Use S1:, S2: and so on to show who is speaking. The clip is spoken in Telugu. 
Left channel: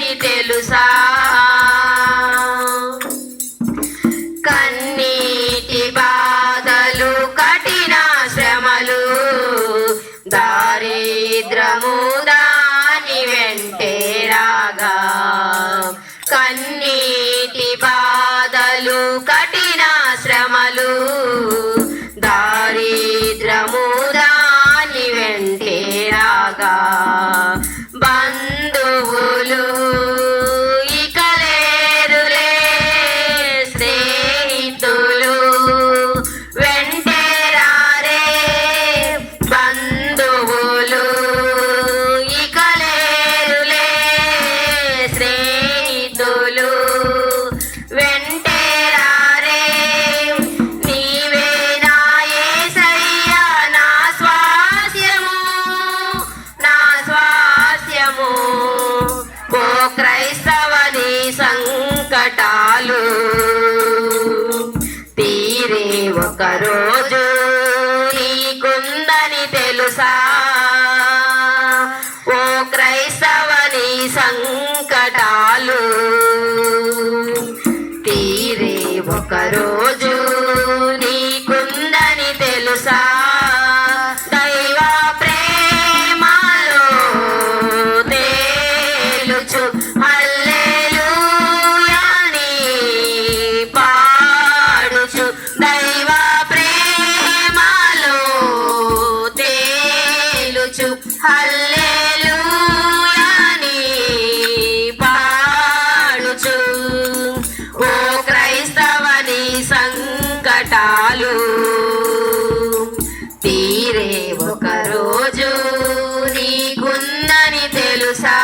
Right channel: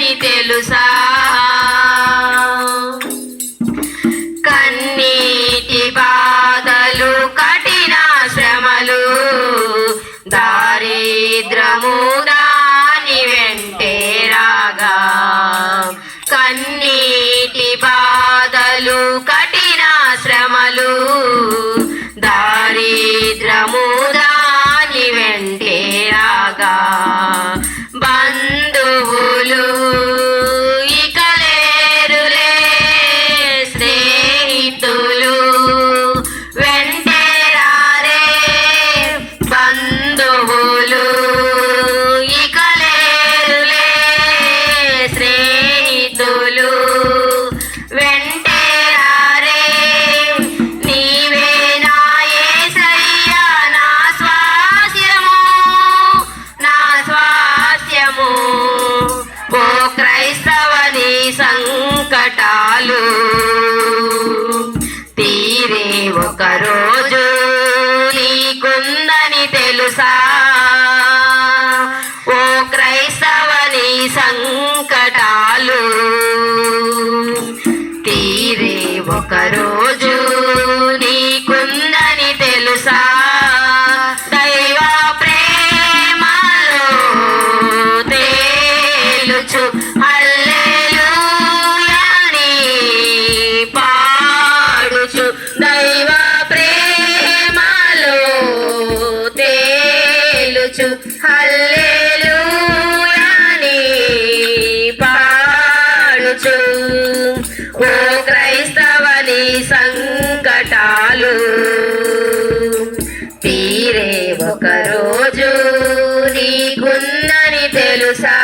S1: అని తెలుసా? కన్నీటి బాధలు కఠిన శ్రమలు దారిద్రము దాని వెంటే రాగా. కన్నీటి బాధలు కఠిన శ్రమలు దారిద్రము దాని వెంటే రాగా. బంద సంకటాలు తీరే ఒకరోజు నీకుందని తెలుసా ఓ క్రైస్తవని సంకటాలు తీరే ఒకరోజు నీకుందని తెలుసా Hallelujah. యేసు హల్లెలూయా నీ పాడుచు. ఓ క్రైస్తవని సంకటాలు తీరే ఒక రోజు నీకుందని తెలుసా?